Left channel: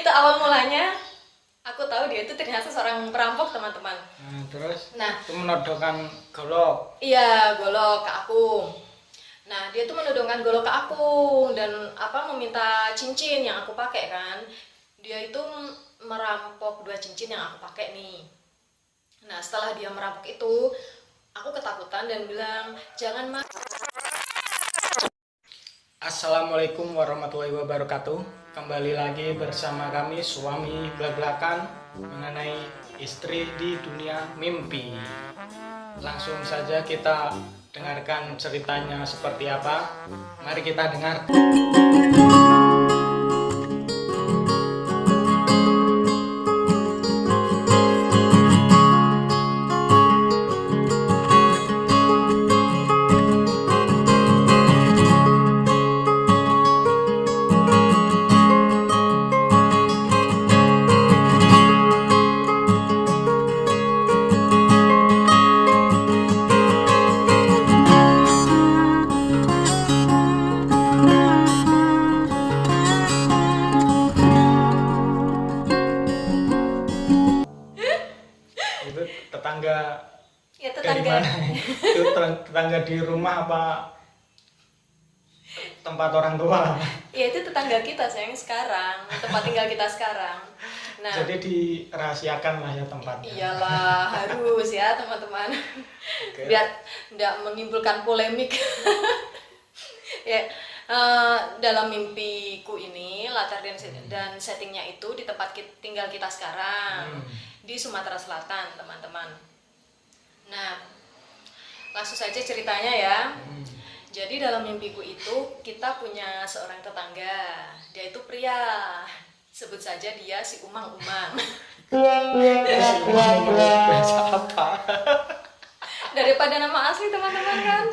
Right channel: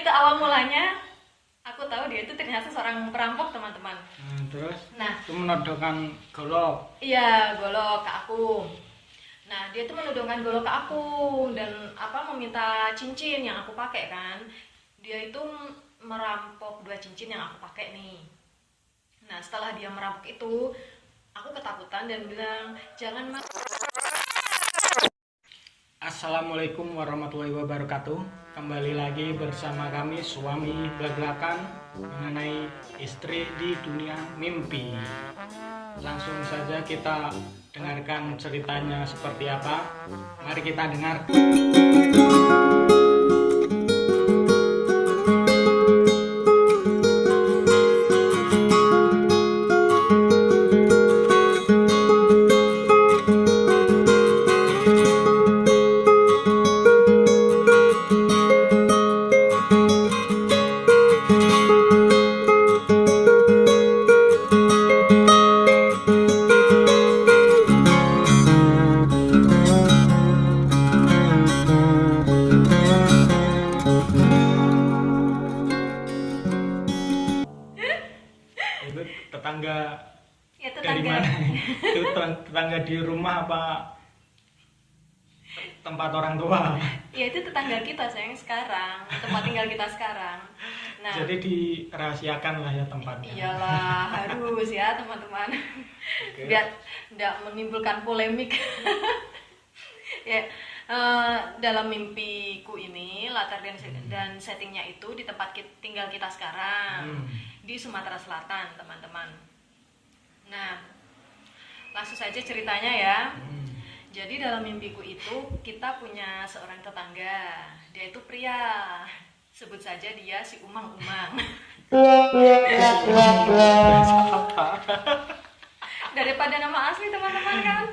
itu awal mulanya aku tahu dia itu ternyata seorang perampok, teman-teman. Terus Nah, itu menodongkan golok. iya, golok ke aku. Nah, dia tuh menodongkan golok ke aku dan meminta cincin yang aku pakai kan. Dia itu merampok 2 cincin yang aku pakai nih. Nah, setelah dia merampok itu, aku ketakutan dan bilang, "Jangan, Mas." Assalamualaikum warahmatullahi wabarakatuh. Kembali lagi bersama kami suami belak-belakan mengenai istri di dunia mimpi. Langsung saja kita dengarkan ceritanya seperti apa. Mari kita dengar. Itu tetangga Ya, dari tetangga. mana? Itu tetangga di rumah apa tempat orang tua? Ya, itu tetangga kita sayang sekarang, tempat tinggal kita sekarang. Nah, Jadi dirahasiakan lah ya tempatnya. iyalah harus ya teman-teman, Oke. biar tidak menimbulkan polemik. Ya, dalam mimpiku ini latar dan settingnya itu di tempat tinggal kita sekarang di Sumatera Selatan, teman-teman. Nah, langsung saja ceritanya ya. Jadi dalam mimpiku itu kita punya seorang tetangga, dia itu pria, sebut saja dia si Umang-Umang. Siapa? Daripada nama asli teman-teman kan.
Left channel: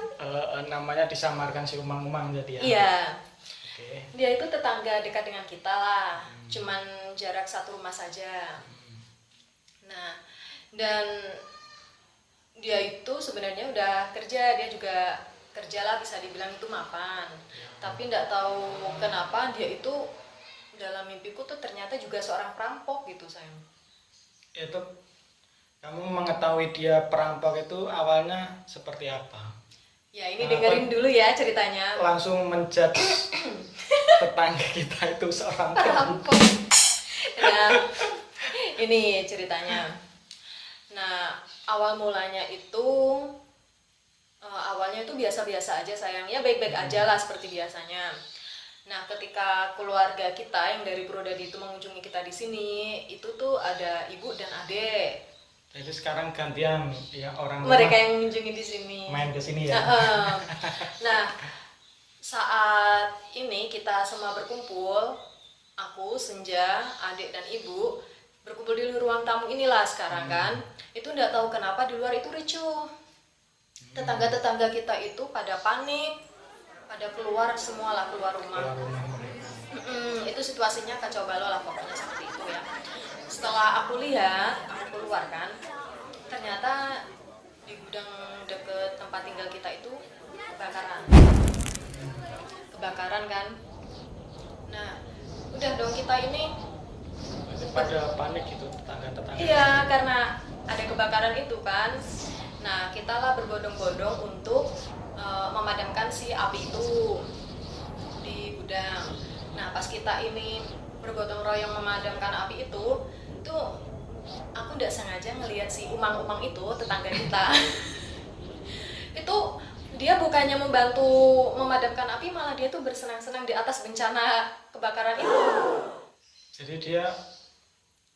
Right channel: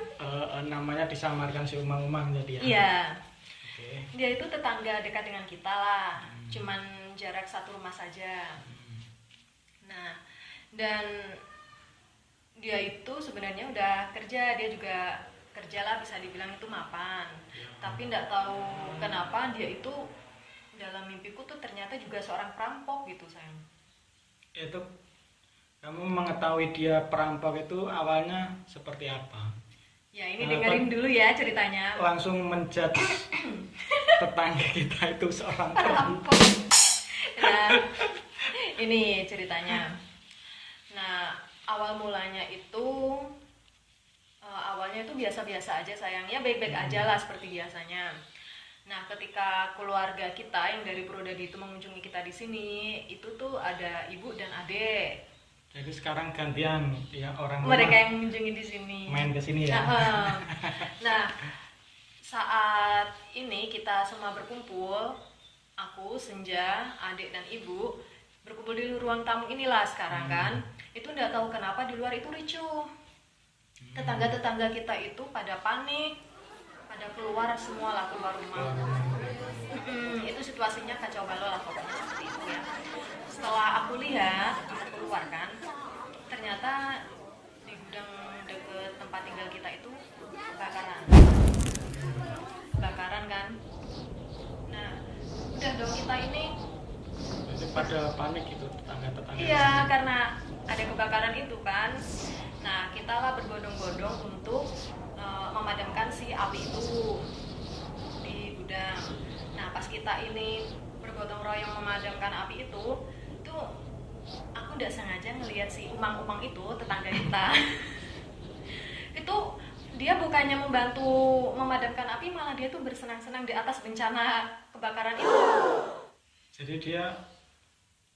Namanya disamarkan si Umang-Umang jadi ya. Iya, Oke. dia itu tetangga dekat dengan kita lah, cuman jarak satu rumah saja. Nah, dan dia itu sebenarnya udah kerja, dia juga kerja lah, bisa dibilang itu mapan. Tapi nggak tahu kenapa dia itu dalam mimpiku tuh ternyata juga seorang perampok gitu sayang. Itu kamu mengetahui dia perampok itu awalnya seperti apa? Ya ini dengerin dulu ya ceritanya. Langsung menjudge tetangga kita itu seorang perampok. Perampok. Nah, ini ceritanya. Nah, awal mulanya itu awalnya itu biasa-biasa aja sayang, ya baik-baik aja lah seperti biasanya. Nah, ketika keluarga kita yang dari Purwodadi itu mengunjungi kita di sini, itu tuh ada ibu dan adik. Jadi sekarang gantian ya orang Mereka rumah yang mengunjungi di sini. main ke sini ya. Nah, saat ini kita semua berkumpul, aku, Senja, adik dan ibu berkumpul di ruang tamu inilah sekarang kan. Itu nggak tahu kenapa di luar itu ricuh. Tetangga-tetangga kita itu pada panik, pada keluar semua lah, keluar rumah. Itu situasinya kacau balau lah pokoknya seperti itu ya. Setelah aku lihat, aku keluar kan, ternyata di gudang deket tempat tinggal kita itu kebakaran kan. Nah, udah dong kita ini. Pada panik gitu tetangga-tetangga. Iya, karena ada kebakaran itu kan. Nah, kita lah berbondong-bondong untuk memadamkan si api itu di gudang. Nah, pas kita ini bergotong royong memadamkan api itu aku udah sengaja ngelihat si Umang-Umang itu, tetangga kita. Itu dia bukannya membantu memadamkan api, malah dia tuh bersenang-senang di atas bencana kebakaran itu. Jadi dia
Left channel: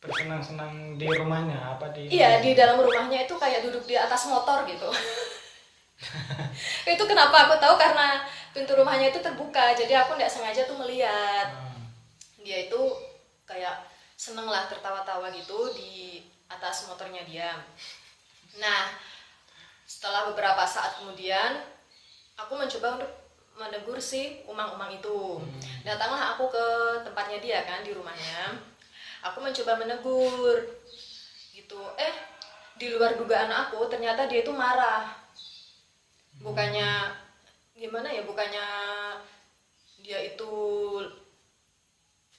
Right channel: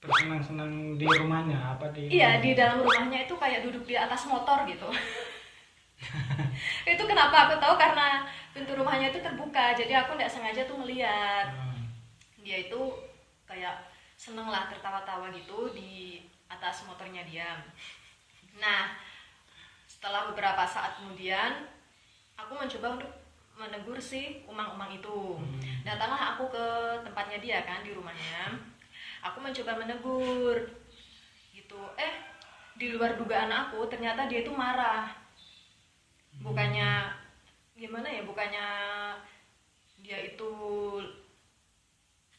bersenang-senang di rumahnya apa di? Iya, di dalam rumahnya itu kayak duduk di atas motor gitu. Itu kenapa aku tahu, karena pintu rumahnya itu terbuka, jadi aku nggak sengaja tuh melihat. Dia itu kayak seneng lah tertawa-tawa gitu di atas motornya dia. Nah, setelah beberapa saat kemudian aku mencoba untuk menegur si Umang-Umang itu. Datanglah aku ke tempatnya dia kan, di rumahnya. Aku mencoba menegur gitu. Di luar dugaan aku, ternyata dia itu marah. Bukannya gimana ya, bukannya dia itu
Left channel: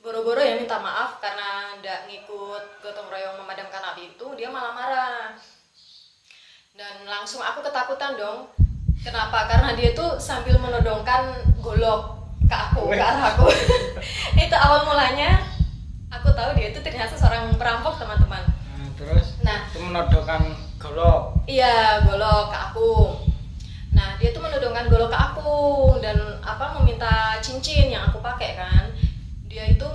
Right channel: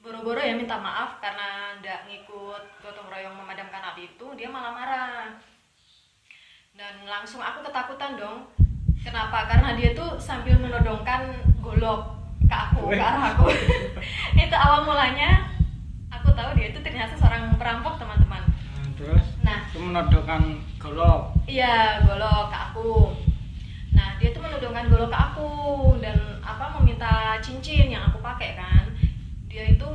boro-boro ya minta maaf karena ndak ngikut gotong royong memadamkan api itu, dia malah marah. Dan langsung aku ketakutan dong. Kenapa? Karena dia tuh sambil menodongkan golok ke aku, ke arah aku. Itu awal mulanya aku tahu dia itu ternyata seorang perampok, teman-teman. Terus itu menodongkan golok. Iya, golok ke aku. Nah, dia tuh menodongkan golok ke aku dan meminta cincin yang aku pakai kan. Dia itu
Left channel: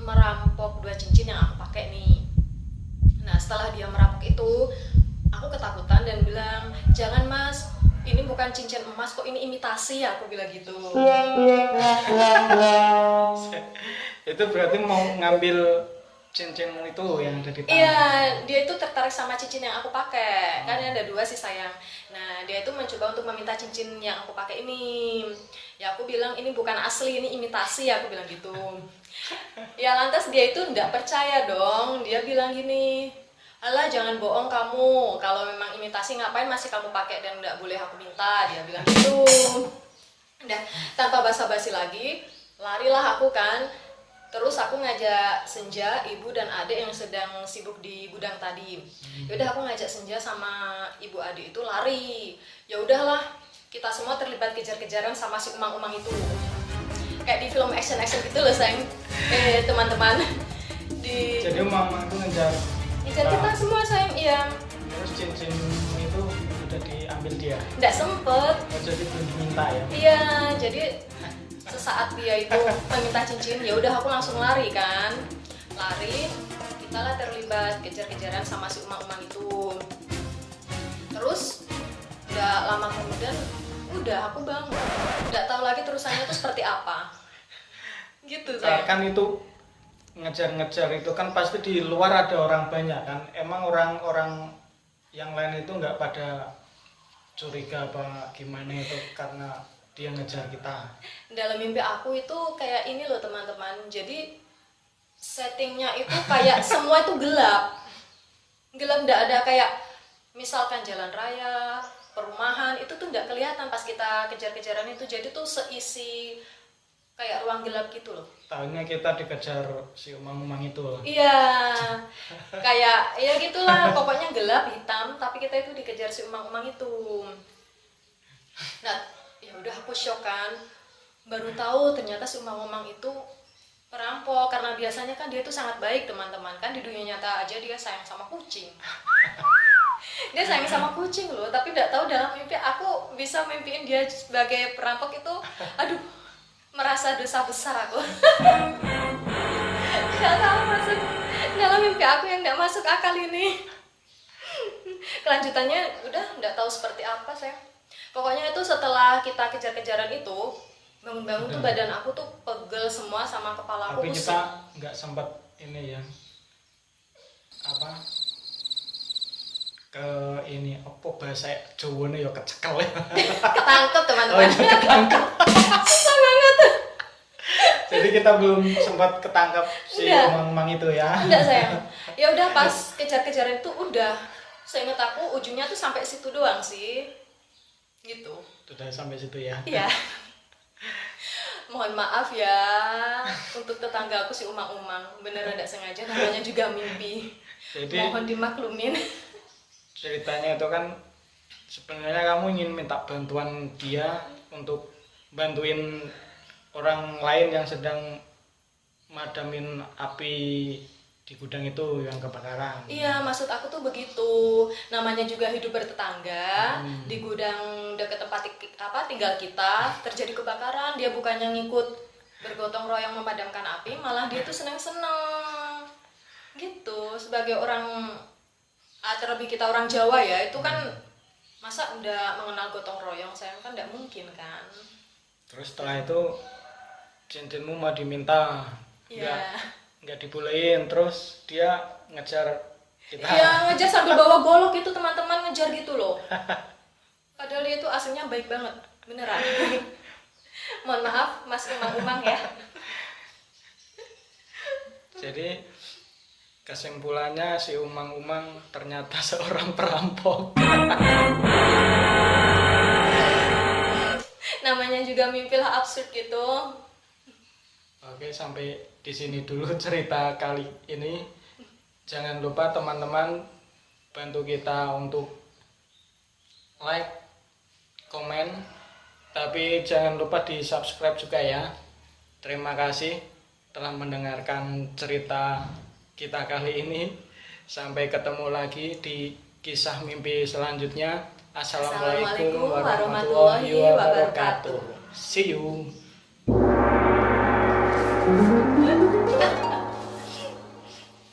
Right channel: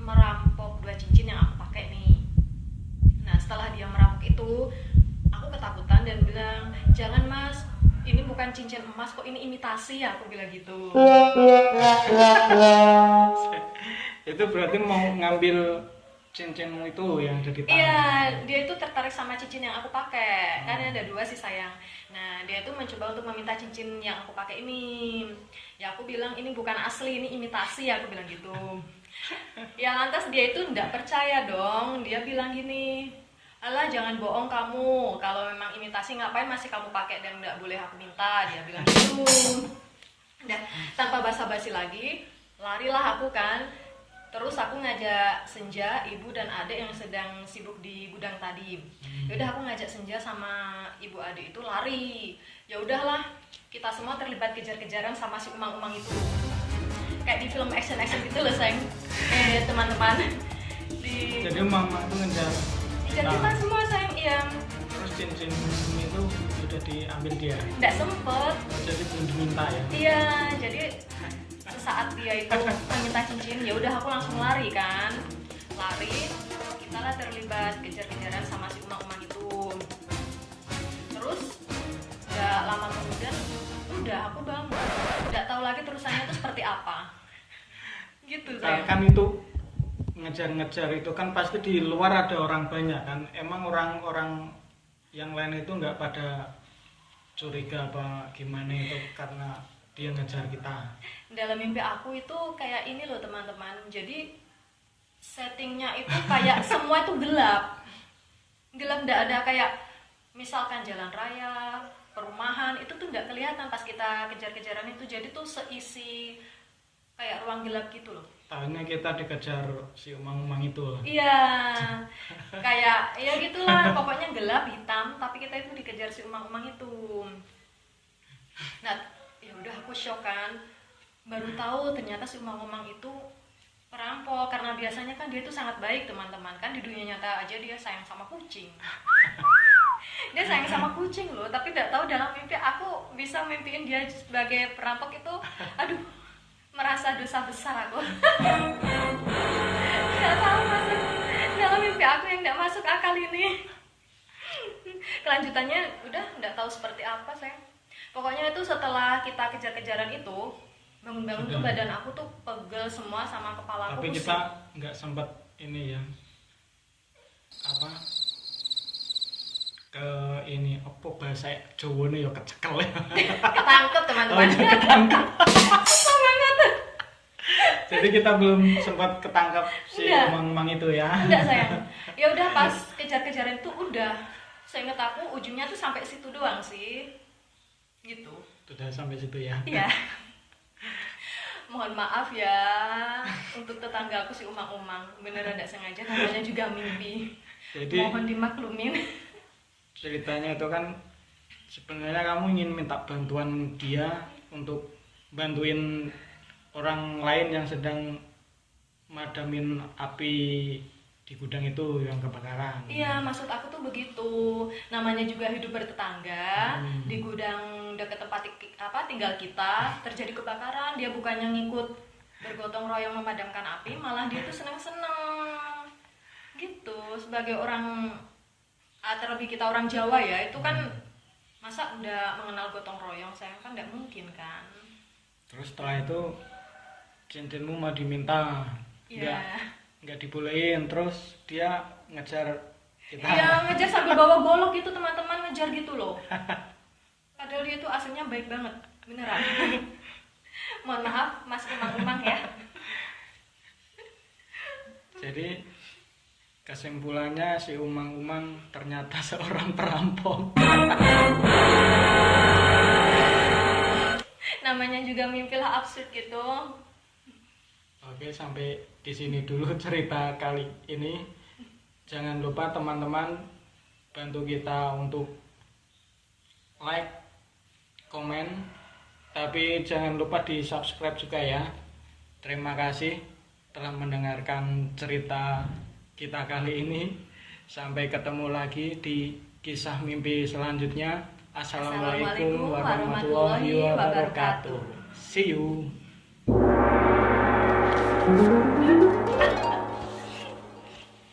merampok 2 cincin yang aku pakai nih. Nah, setelah dia merampok itu, aku ketakutan dan bilang, "Jangan Mas, ini bukan cincin emas kok, ini imitasi," aku bilang gitu. Itu berarti mau ngambil cincinmu itu yang ada di tangan. Iya, dia itu tertarik sama cincin yang aku pakai. Kan ada 2 sih sayang. Nah, dia itu mencoba untuk meminta cincin yang aku pakai ini. Ya aku bilang ini bukan asli, ini imitasi, aku bilang gitu. Ya lantas dia itu enggak percaya dong. Dia bilang gini, "Alah jangan bohong kamu. Kalau memang imitasi ngapain masih kamu pakai dan enggak boleh aku minta," dia bilang gitu. Udah, tanpa basa-basi lagi, larilah aku kan. Terus aku ngajak Senja, ibu dan adik yang sedang sibuk di gudang tadi. Yaudah aku ngajak Senja sama ibu adik itu lari. Ya udahlah, kita semua terlibat kejar-kejaran sama si umang-umang itu. Kayak di film action-action gitu loh sayang. Teman-teman. Jadi umang itu ngejar. Dikejar kita semua sayang, iya. Terus cincin itu sudah diambil dia. Nggak sempet. Jadi belum diminta ya. Iya, jadi saat dia itu meminta cincin, ya udah aku langsung lari kan, kita lah terlibat kejar-kejaran sama si umang-umang itu. Terus nggak lama kemudian udah aku bangun, nggak tahu lagi terusannya tuh seperti apa gitu. Kan itu ngejar-ngejar itu kan pasti di luar ada orang banyak kan, emang orang-orang yang lain itu nggak pada curiga apa gimana itu karena dia ngejar kita. Dalam mimpi aku itu kayak ini loh teman-teman, jadi settingnya itu kayak semua itu gelap, nggak ada kayak misalkan jalan raya, perumahan itu tuh nggak kelihatan pas kita kejar-kejaran itu, jadi tuh seisi kayak ruang gelap gitu loh. Tahunya kita dikejar si umang-umang itu. Iya, kayak ya gitulah, pokoknya gelap hitam, tapi kita itu dikejar si umang-umang itu. Nah, ya udah aku shock kan, baru tahu ternyata si umang-umang itu perampok. Karena biasanya kan dia itu sangat baik teman-teman, kan di dunia nyata aja dia sayang sama kucing. Dia sayang sama kucing loh, tapi nggak tahu dalam mimpi aku bisa mimpiin dia sebagai perampok itu. Aduh, merasa dosa besar aku. Nggak tahu masuk dalam mimpi aku yang nggak masuk akal ini. Kelanjutannya udah nggak tahu seperti apa saya. Pokoknya itu setelah kita kejar-kejaran itu, bangun-bangun tuh badan aku tuh pegel semua sama kepala aku. Tapi kita nggak sempat ini ya, apa ke ini apa bahasa Jawa ya kecekel ya. Ketangkep teman-teman. Ketangkep. Susah banget. Jadi kita belum sempat ketangkap si umang-umang itu ya. Enggak sayang. Ya udah pas kejar-kejaran itu udah, seingat aku ujungnya tuh sampai situ doang sih. Gitu. Sudah sampai situ ya. Iya. Mohon maaf ya untuk tetangga aku si umang-umang, beneran tidak sengaja, namanya juga mimpi. Jadi mohon dimaklumin. Ceritanya itu kan sebenarnya kamu ingin minta bantuan dia untuk bantuin orang lain yang sedang madamin api di gudang itu yang kebakaran. Iya, maksud aku tuh begitu. Namanya juga hidup bertetangga. Di gudang dekat tempat tinggal kita terjadi kebakaran, dia bukannya ngikut bergotong royong memadamkan api, malah dia tuh senang-senang. Gitu. Sebagai orang, terlebih kita orang Jawa ya, itu kan masa udah mengenal gotong royong, saya kan nggak mungkin kan. Terus setelah itu cincinmu mau diminta. Iya. Nggak dibolehin, terus dia ngejar kita. Iya, ngejar sambil bawa golok itu teman-teman, ngejar gitu loh. Padahal dia itu aslinya baik banget, beneran. Mohon maaf Mas Umang-Umang ya. Jadi kesimpulannya si Umang-Umang ternyata seorang perampok. Namanya juga mimpi lah absurd gitu. Oke, sampai di sini dulu cerita kali ini. Jangan lupa teman-teman bantu kita untuk like, komen, tapi jangan lupa di subscribe juga ya. Terima kasih telah mendengarkan cerita kita kali ini. Sampai ketemu lagi di kisah mimpi selanjutnya. Assalamualaikum warahmatullahi wabarakatuh. See you.